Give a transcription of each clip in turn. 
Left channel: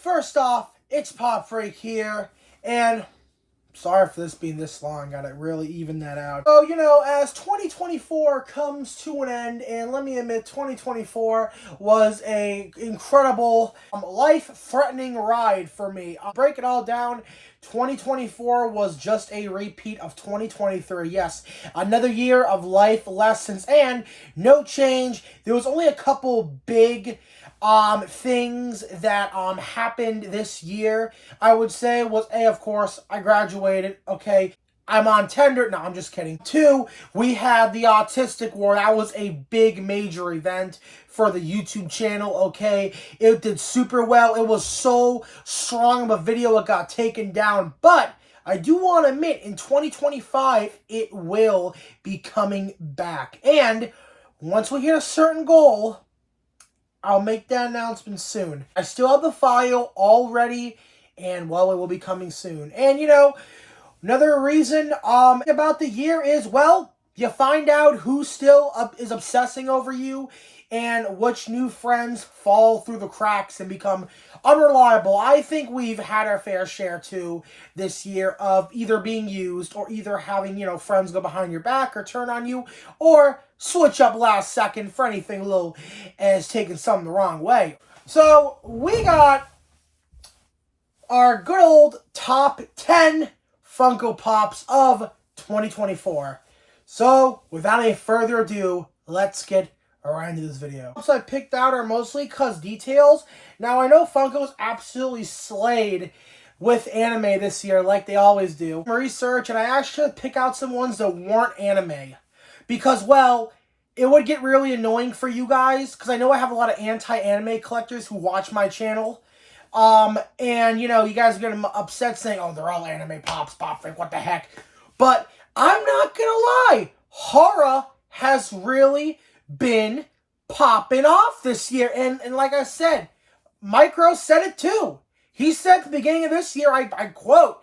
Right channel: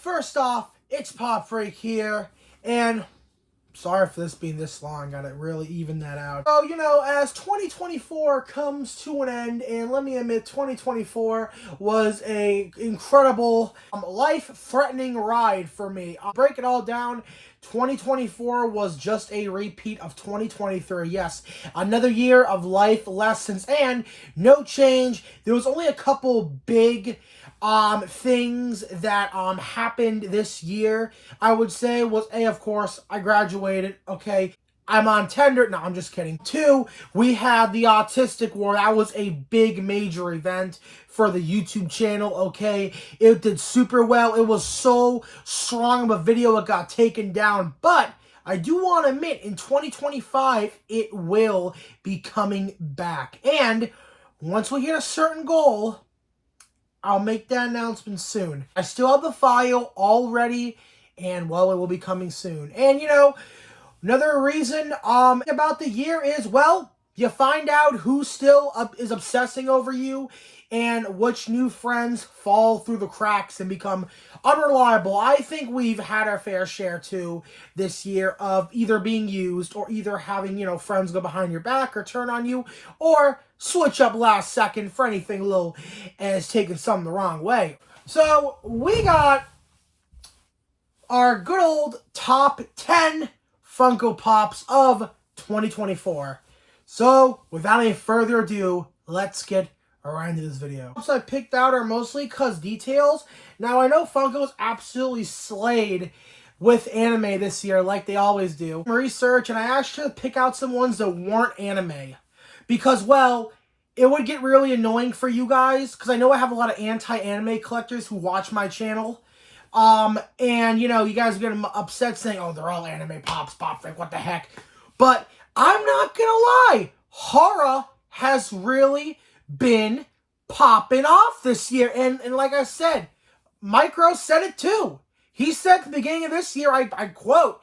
First off, it's Pop Freak here, and sorry for this being this long, gotta really even that out. So, as 2024 comes to an end, and let me admit, 2024 was a incredible, life-threatening ride for me. I'll break it all down. 2024 was just a repeat of 2023. Yes, another year of life lessons and no change. There was only a couple big things that happened this year. I would say was of course, I graduated. Okay, I'm on Tinder. No, I'm just kidding. 2, we had the Autistic War. That was a big major event for the YouTube channel. Okay, it did super well. It was so strong of a video, it got taken down. But I do want to admit, in 2025, it will be coming back. And once we hit a certain goal, I'll make that announcement soon. I still have the file all ready, and well, it will be coming soon. And another reason about the year is, well, you find out who still is obsessing over you and which new friends fall through the cracks and become unreliable. I think we've had our fair share too this year of either being used or either having, friends go behind your back or turn on you or switch up last second for anything little as taking something the wrong way. So we got our good old top 10 Funko Pops of 2024. So without any further ado, let's get around to this video. So I picked out are mostly cuz details. Now I know Funko's absolutely slayed with anime this year like they always do. Research, and I actually pick out some ones that weren't anime. Because, well, it would get really annoying for you guys, because I know I have a lot of anti-anime collectors who watch my channel. And, you guys are getting upset saying, oh, they're all anime pops, Pop Freak, what the heck. But I'm not gonna lie, horror has really been popping off this year. And like I said, Micro said it too. He said at the beginning of this year, I quote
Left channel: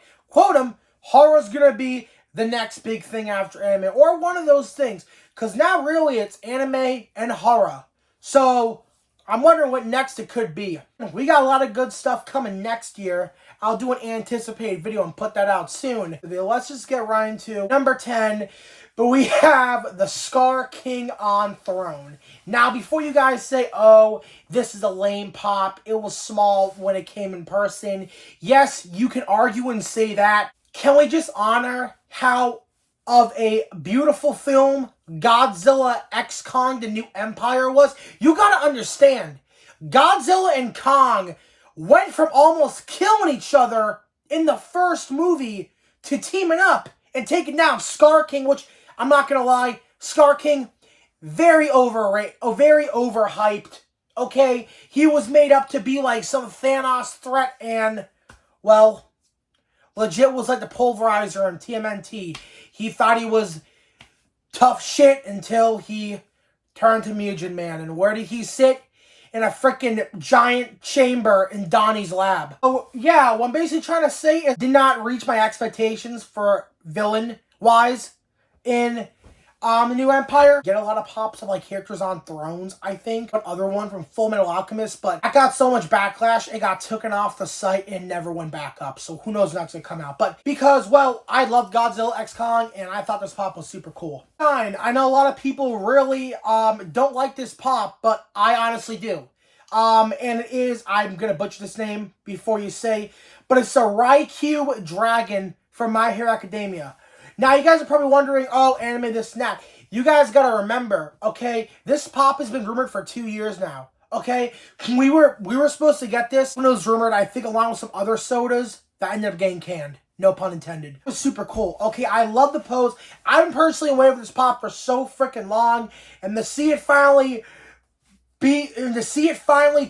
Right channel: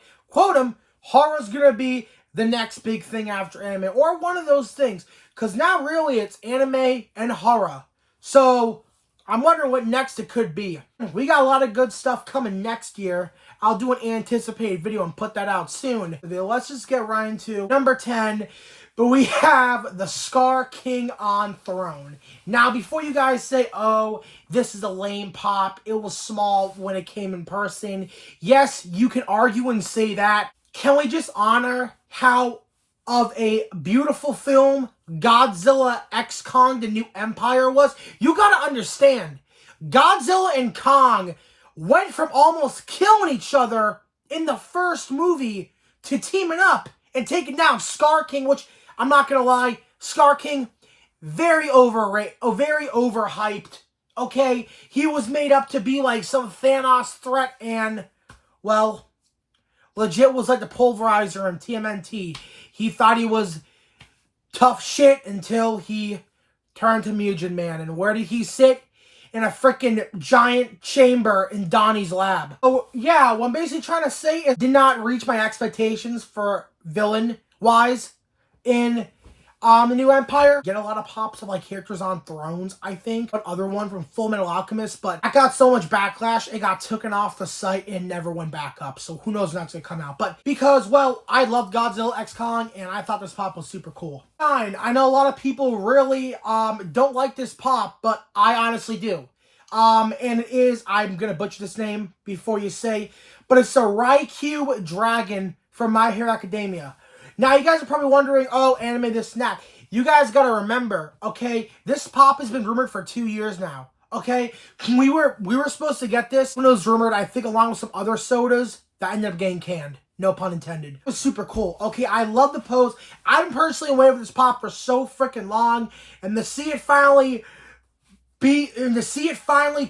him, horror's gonna be the next big thing after anime, or one of those things. Because now really it's anime and horror. So I'm wondering what next it could be. We got a lot of good stuff coming next year. I'll do an anticipated video and put that out soon. Let's just get right into number 10. But we have the Scar King on Throne. Now, before you guys say, oh, this is a lame pop, it was small when it came in person. Yes, you can argue and say that. Can we just honor how of a beautiful film Godzilla x Kong The New Empire was? You gotta understand, Godzilla and Kong went from almost killing each other in the first movie to teaming up and taking down Scar King, which, I'm not gonna lie, Scar King, very overhyped, okay? He was made up to be like some Thanos threat and, well, legit was like the Pulverizer in TMNT. He thought he was tough shit until he turned to Mugen Man. And where did he sit? In a freaking giant chamber in Donnie's lab. So yeah, what I'm basically trying to say is did not reach my expectations for villain-wise in The New Empire. Get a lot of pops of like characters on thrones, I think. Another one from Full Metal Alchemist, but I got so much backlash, it got taken off the site and never went back up. So who knows when that's gonna come out. But because, well, I love Godzilla x Kong and I thought this pop was super cool. Fine, I know a lot of people really don't like this pop, but I honestly do. And it is, I'm gonna butcher this name before you say, but it's a Kaido Dragon from My Hero Academia. Now, you guys are probably wondering, oh, anime this and that. You guys gotta remember, okay, this pop has been rumored for 2 years now, okay? We were supposed to get this when it was rumored, I think, along with some other sodas that ended up getting canned. No pun intended. It was super cool. Okay, I love the pose. I've been personally waiting for this pop for so freaking long, and to see it finally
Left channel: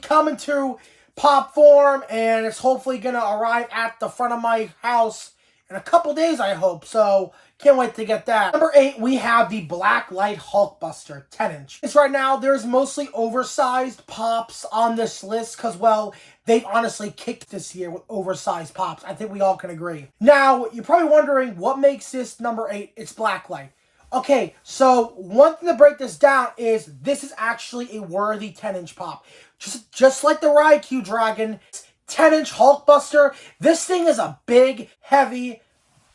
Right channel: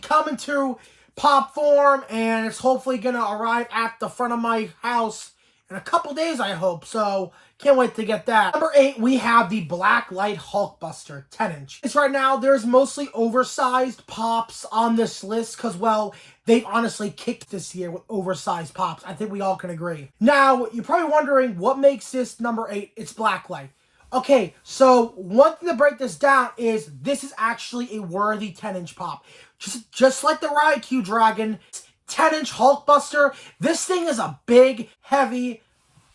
come into pop form, and it's hopefully gonna arrive at the front of my house in a couple days, I hope. So, can't wait to get that. Number 8, we have the Blacklight Hulkbuster 10-inch. It's right now, there's mostly oversized pops on this list because, well, they've honestly kicked this year with oversized pops. I think we all can agree. Now, you're probably wondering what makes this number 8. It's Blacklight. Okay, so one thing to break this down is this is actually a worthy 10-inch pop. Just like the Kaido Dragon, 10-inch Hulkbuster. This thing is a big, heavy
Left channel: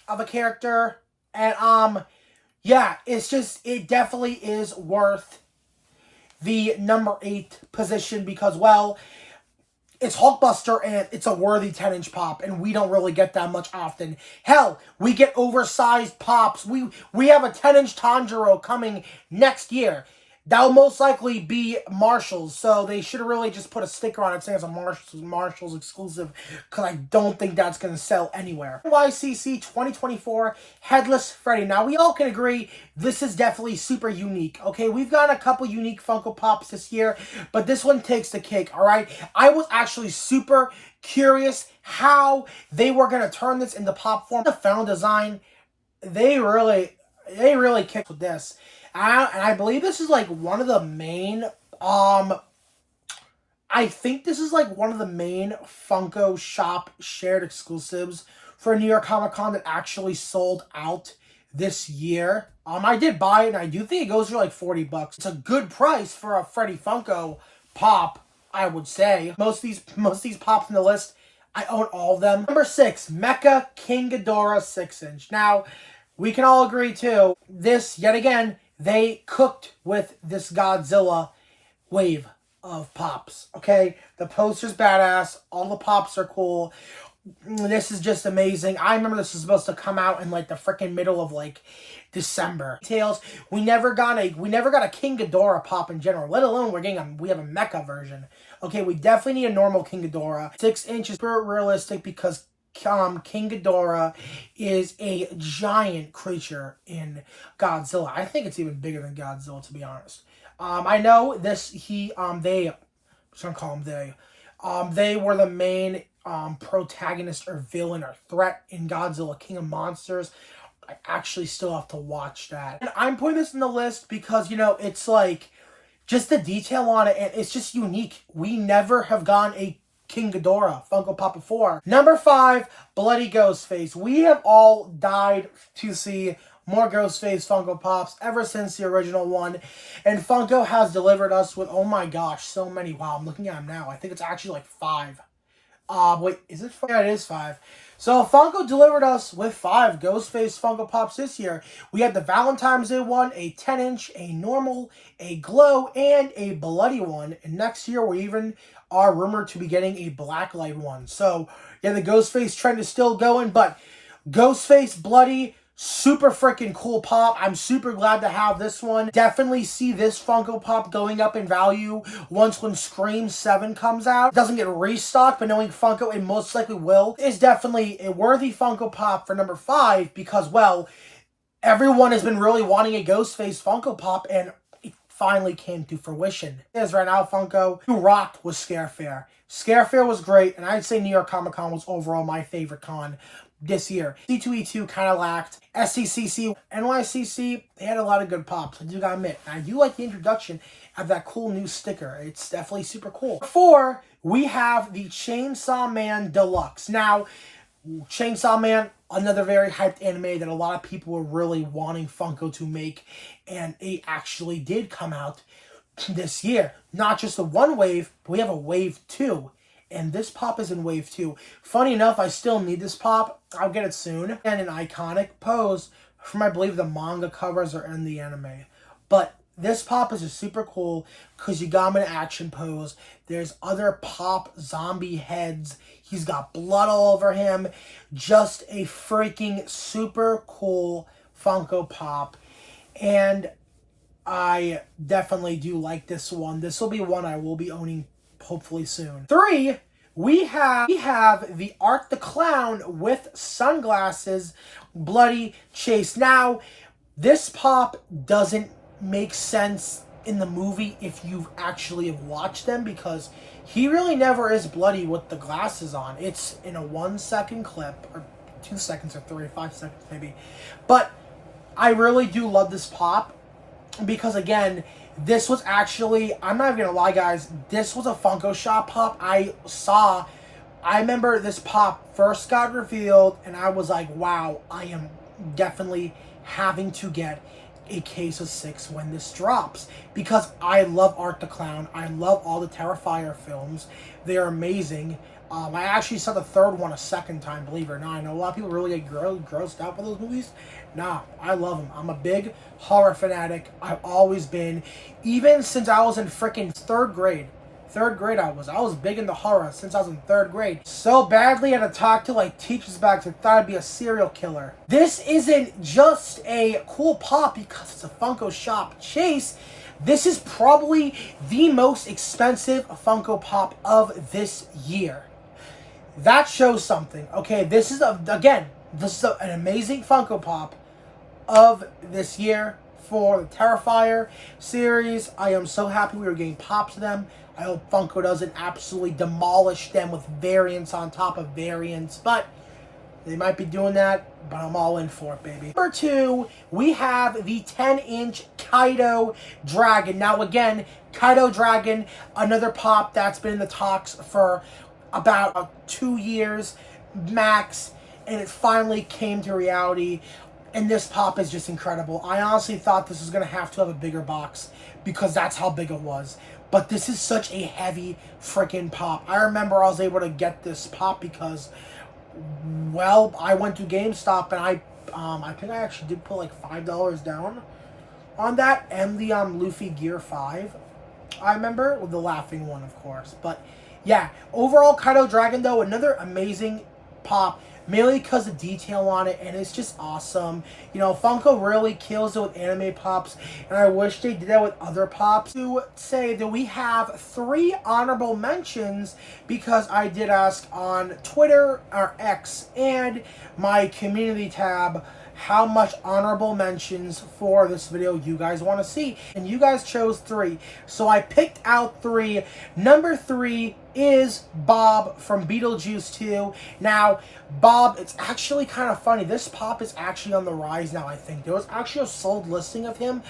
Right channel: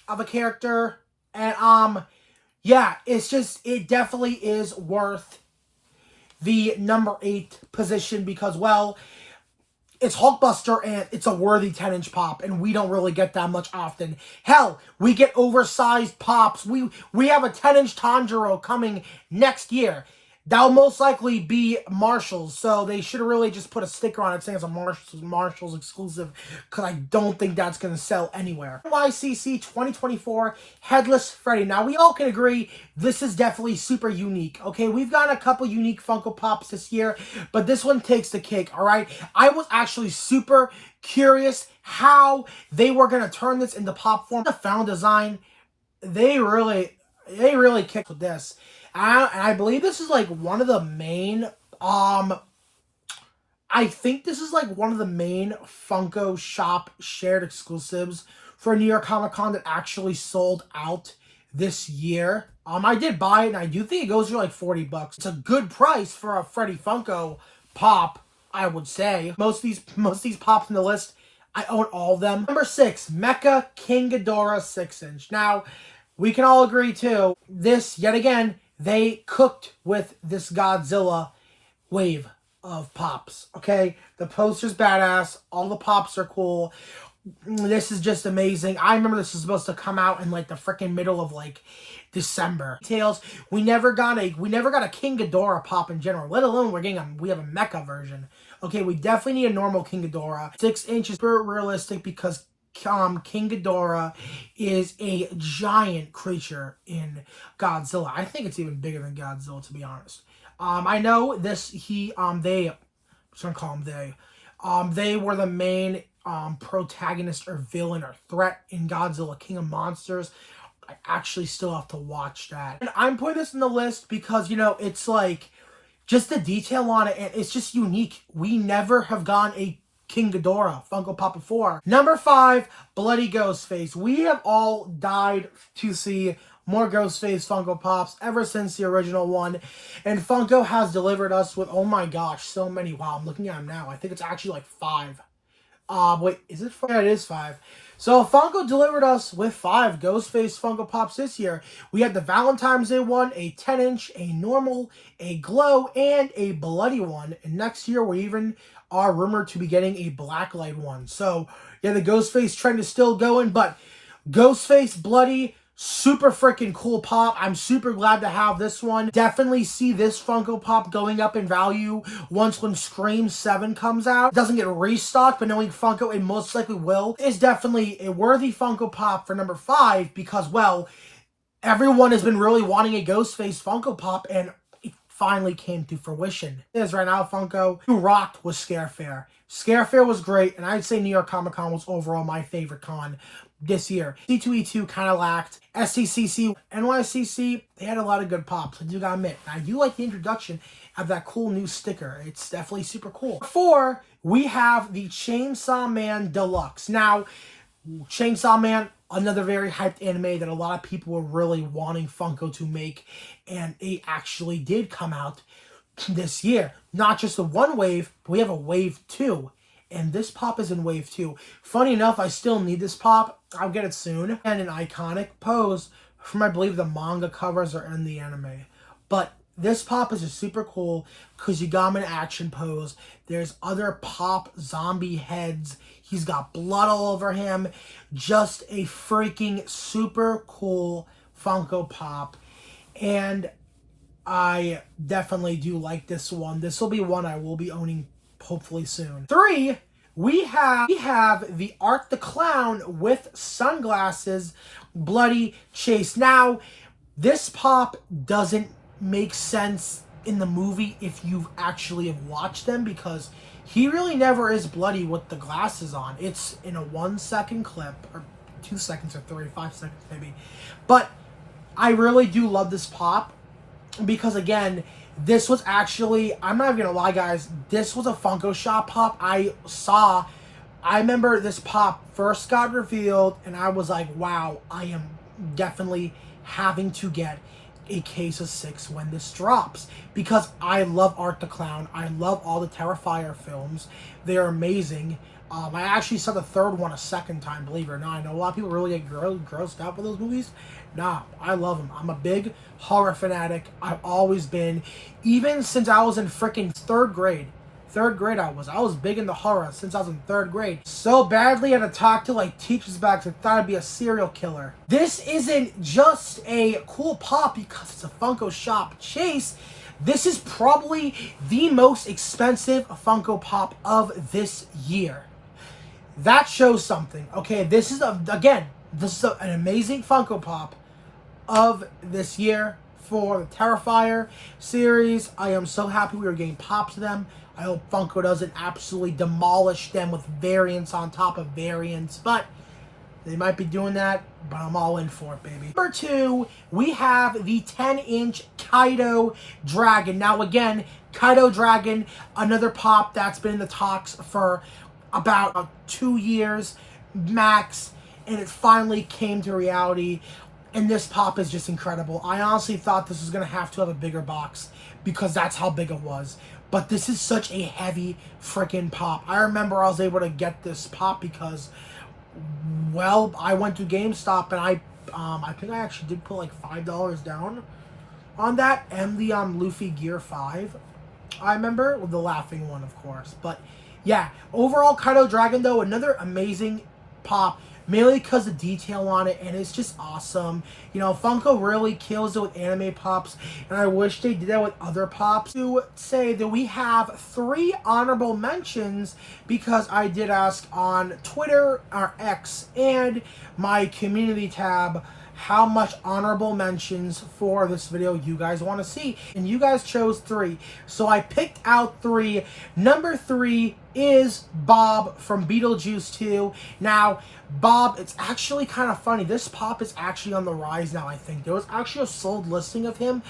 of a character. And, yeah, it definitely is worth the number 8 position because, well, it's Hulkbuster and it's a worthy 10-inch pop, and we don't really get that much often. Hell, we get oversized pops. We have a 10-inch Tanjiro coming next year. That'll most likely be Marshall's, so they should have really just put a sticker on it saying it's a Marshall's exclusive, because I don't think that's going to sell anywhere. NYCC 2024 Headless Freddy. Now, we all can agree this is definitely super unique, okay? We've gotten a couple unique Funko Pops this year, but this one takes the cake, all right? I was actually super curious how they were going to turn this into pop form. The found design, they really kicked with this. And I believe this is like one of the main, I think this is like one of the main Funko Shop shared exclusives for New York Comic Con that actually sold out this year. I did buy it, and I do think it goes for like $40. It's a good price for a Freddy Funko Pop, I would say. Most of these pops in the list, I own all of them. Number 6, Mecca Kadora 6-inch. Now, we can all agree too, this, yet again, they cooked with this Godzilla wave of pops, okay? The poster's badass. All the pops are cool. This is just amazing. I remember this was supposed to come out in like the freaking middle of like December. Details. We never got a King Ghidorah pop in general, let alone we have a mecha version. Okay, we definitely need a normal King Ghidorah. 6 inches, super realistic because King Ghidorah is a giant creature in Godzilla. I think it's even bigger than Godzilla, to be honest. I know this, I'm just gonna call them they. They were the main protagonist or villain or threat in Godzilla King of Monsters. I actually still have to watch that. And I'm putting this in the list because, you know, it's like, just the detail on it, and it's just unique. We never have gotten a King Ghidorah Funko Pop before. Number 5, Bloody Ghostface. We have all died to see more Ghostface Funko Pops ever since the original one. And Funko has delivered us with, oh my gosh, so many. Wow, I'm looking at them now. I think it's actually like 5. Wait, is it 5? Yeah, it is 5. So Funko delivered us with 5 Ghostface Funko Pops this year. We had the Valentine's Day one, a 10-inch, a normal, a glow, and a bloody one. And next year we even are rumored to be getting a blacklight one. So yeah, the Ghostface trend is still going, but Ghostface bloody, super freaking cool pop. I'm super glad to have this one. Definitely see this Funko Pop going up in value when Scream 7 comes out. It doesn't get restocked, but knowing Funko, it most likely will. It's definitely a worthy Funko Pop for number 5 because, well, everyone has been really wanting a Ghostface Funko Pop, and it finally came to fruition. It is right now, Funko, who rocked was Scare Fair. Scare Fair was great, and I'd say New York Comic Con was overall my favorite con this year. C2E2 kind of lacked. SCCC, NYCC, they had a lot of good pops, I do gotta admit. I do like the introduction of that cool new sticker. It's definitely super cool. 4, we have the Chainsaw Man Deluxe. Now, Chainsaw Man, another very hyped anime that a lot of people were really wanting Funko to make, and it actually did come out this year. Not just the one wave, but we have a wave 2. And this pop is in wave 2. Funny enough, I still need this pop. I'll get it soon. And an iconic pose from, I believe, the manga covers are in the anime. But this pop is just super cool because you got him in an action pose. There's other pop zombie heads. He's got blood all over him. Just a freaking super cool Funko Pop. And I definitely do like this one. This will be one I will be owning hopefully soon. 3, we have the Art the Clown with sunglasses, Bloody Chase. Now, this pop doesn't make sense in the movie if you actually have watched them, because he really never is bloody with the glasses on. It's in a 1-second clip, or 2 seconds, or 3, 5 seconds maybe. But I really do love this pop because, again, this was actually, I'm not even gonna lie, guys, this was a Funko Shop pop I saw. I remember this pop first got revealed, and I was like, wow, I am definitely having to get a case of 6 when this drops, because I love Art the Clown. I love all the Terrifier films. They're amazing. I actually saw the third one a second time, believe it or not. I know a lot of people really get grossed out by those movies. Nah, I love them. I'm a big horror fanatic. I've always been. Even since I was in freaking third grade. Third grade I was big into horror since I was in third grade. So badly I had to talk to like teachers back who thought I'd be a serial killer. This isn't just a cool pop because it's a Funko Shop chase. This is probably the most expensive Funko Pop of this year. That shows something. Okay, this is an amazing Funko Pop of this year for the Terrifier series. I am so happy we were getting pops of them. I hope Funko doesn't absolutely demolish them with variants on top of variants, but they might be doing that, but I'm all in for it, baby. Number 2, we have the 10-inch Kaido Dragon. Now, again, Kaido Dragon, another pop that's been in the talks for about 2 years max, and it finally came to reality. And this pop is just incredible. I honestly thought this was going to have a bigger box because that's how big it was. But this is such a heavy freaking pop. I remember I was able to get this pop because, well, I went to GameStop and I think I actually did put like $5 down on that and the Luffy Gear 5. I remember with the laughing one, of course. But yeah, overall Kaido Dragon though, another amazing pop. Mainly because the detail on it, and it's just awesome. You know, Funko really kills it with anime pops, and I wish they did that with other pops. To say that we have 3 honorable mentions, because I did ask on Twitter, or X, and my community tab, how much honorable mentions for this video you guys want to see. And you guys chose 3. So I picked out 3. Number 3 is Bob from Beetlejuice 2. Now, Bob, it's actually kind of funny. This pop is actually on the rise now, I think. There was actually a sold listing of him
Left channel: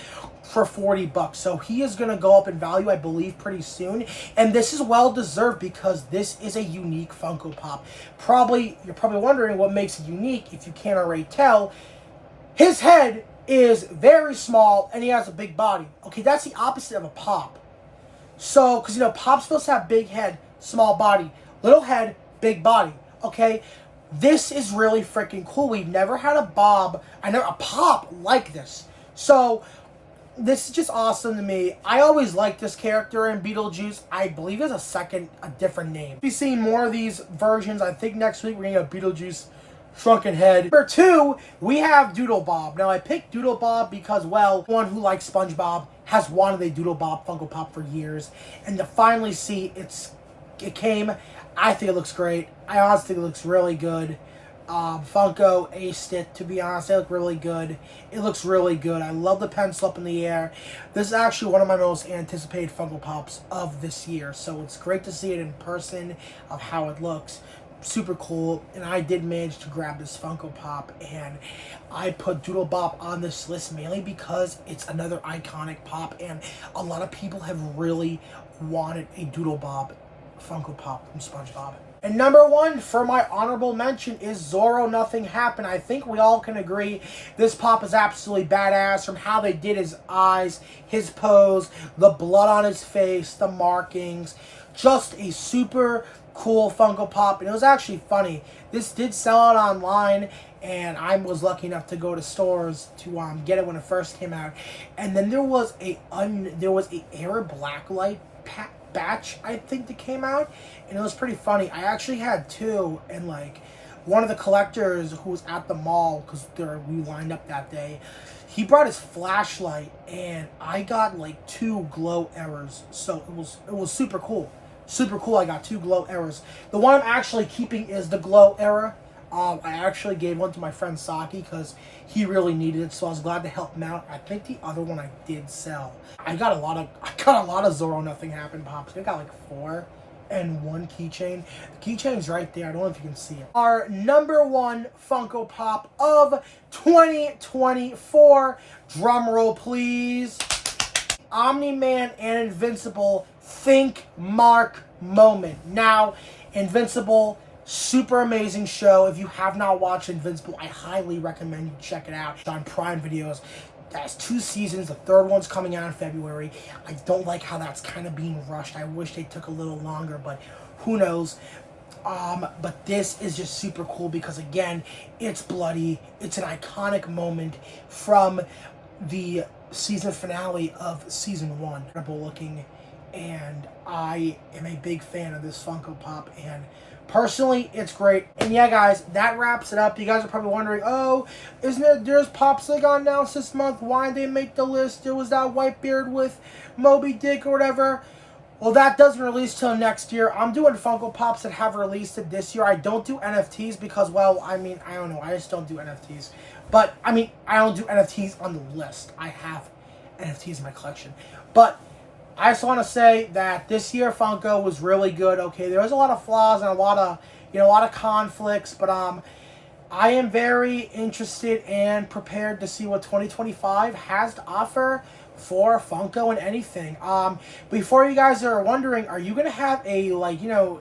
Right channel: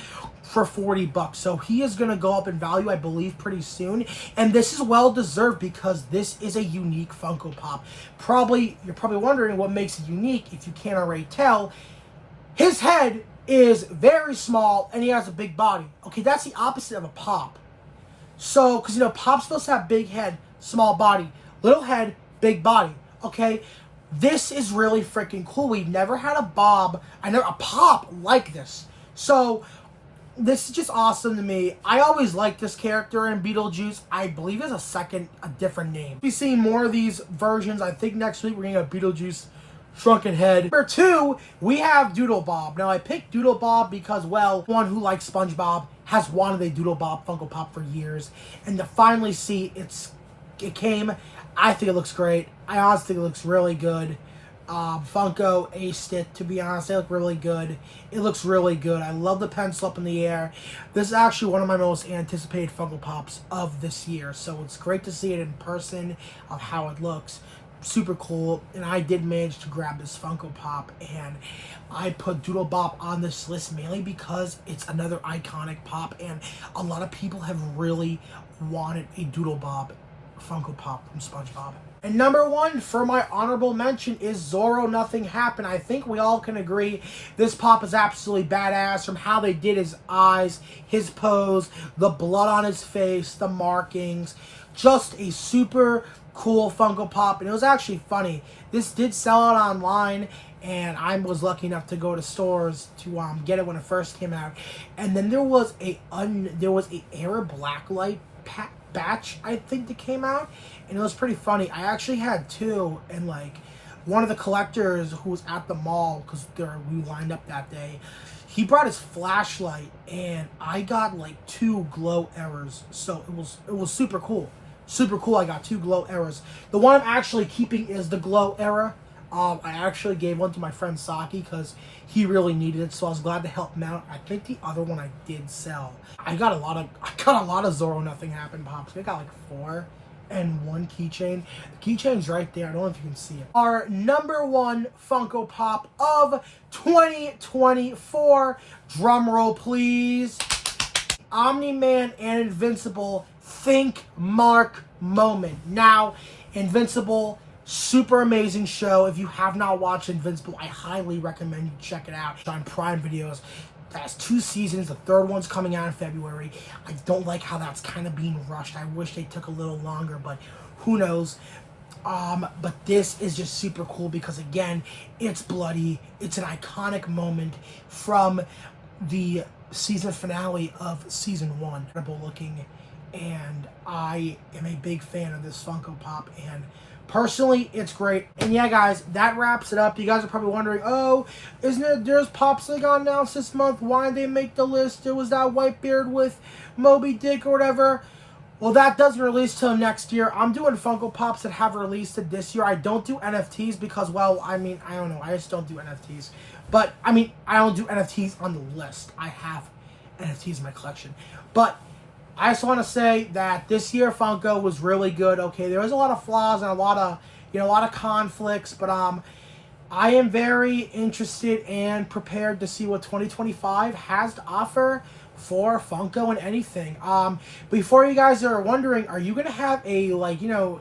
for $40. So he is going to go up in value, I believe, pretty soon. And this is well deserved because this is a unique Funko Pop. You're probably wondering what makes it unique if you can't already tell. His head is very small and he has a big body. Okay, that's the opposite of a pop. So, because, you know, pop's supposed to have big head, small body. Little head, big body. Okay? This is really freaking cool. We've never had a pop like this. So, this is just awesome to me. I always liked this character in Beetlejuice. I believe there's a different name. We'll be seeing more of these versions. I think next week we're going to have Beetlejuice Shrunken Head. Number 2, we have Doodle Bob. Now, I picked Doodle Bob because, well, one who likes SpongeBob has wanted a Doodle Bob Funko Pop for years. And to finally see it came, I think it looks great. I honestly think it looks really good. Funko aced it, to be honest. They look really good. It looks really good. I love the pencil up in the air. This is actually one of my most anticipated Funko Pops of this year. So it's great to see it in person of how it looks. Super cool, and I did manage to grab this Funko Pop, and I put Doodle Bob on this list mainly because it's another iconic pop, and a lot of people have really wanted a Doodle Bob Funko Pop from SpongeBob. And number 1 for my honorable mention is Zoro Nothing Happened. I think we all can agree this pop is absolutely badass, from how they did his eyes, his pose, the blood on his face, the markings. Just a super cool Funko Pop, and it was actually funny. This did sell out online, and I was lucky enough to go to stores to get it when it first came out. And then there was a Air Blacklight batch, I think, that came out, and it was pretty funny. I actually had 2, and like one of the collectors who was at the mall, because we lined up that day, he brought his flashlight, and I got like 2 glow errors. So it was super cool. Super cool. I got 2 glow errors. The one I'm actually keeping is the glow error. I actually gave one to my friend Saki because he really needed it, so I was glad to help him out. I think the other one I did sell. I got a lot of Zoro Nothing Happened pops. I got like 4 and 1 keychain. The keychain's right there. I don't know if you can see it. Our number 1 Funko Pop of 2024. Drum roll, please. Omni-Man and Invincible Think Mark moment. Now, Invincible, super amazing show. If you have not watched Invincible, I highly recommend you check it out. It's on Prime Videos. It has 2 seasons. The 3rd one's coming out in February. I don't like how that's kind of being rushed. I wish they took a little longer, but who knows. But this is just super cool because, again, it's bloody. It's an iconic moment from the season finale of season 1. Incredible looking, and I am a big fan of this Funko Pop, and personally, it's great. And yeah, guys, that wraps it up. You guys are probably wondering, oh, there's Pops that got announced this month. Why did they make the list? There was that Whitebeard with Moby Dick or whatever. Well, that doesn't release till next year. I'm doing Funko Pops that have released it this year. I don't do NFTs because, well, I mean, I don't know. I just don't do NFTs. But, I mean, I don't do NFTs on the list. I have NFTs in my collection. But I just want to say that this year Funko was really good. Okay, there was a lot of flaws and a lot of conflicts, but I am very interested and prepared to see what 2025 has to offer for Funko and anything. Before you guys are wondering, are you gonna have a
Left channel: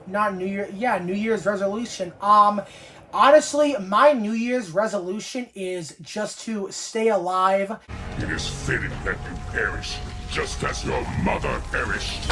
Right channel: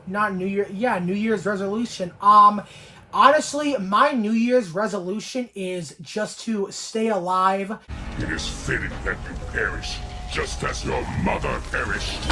not New Year, New Year's resolution? Honestly, my New Year's resolution is just to stay alive. It is fitting that you perish, just as your mother perished.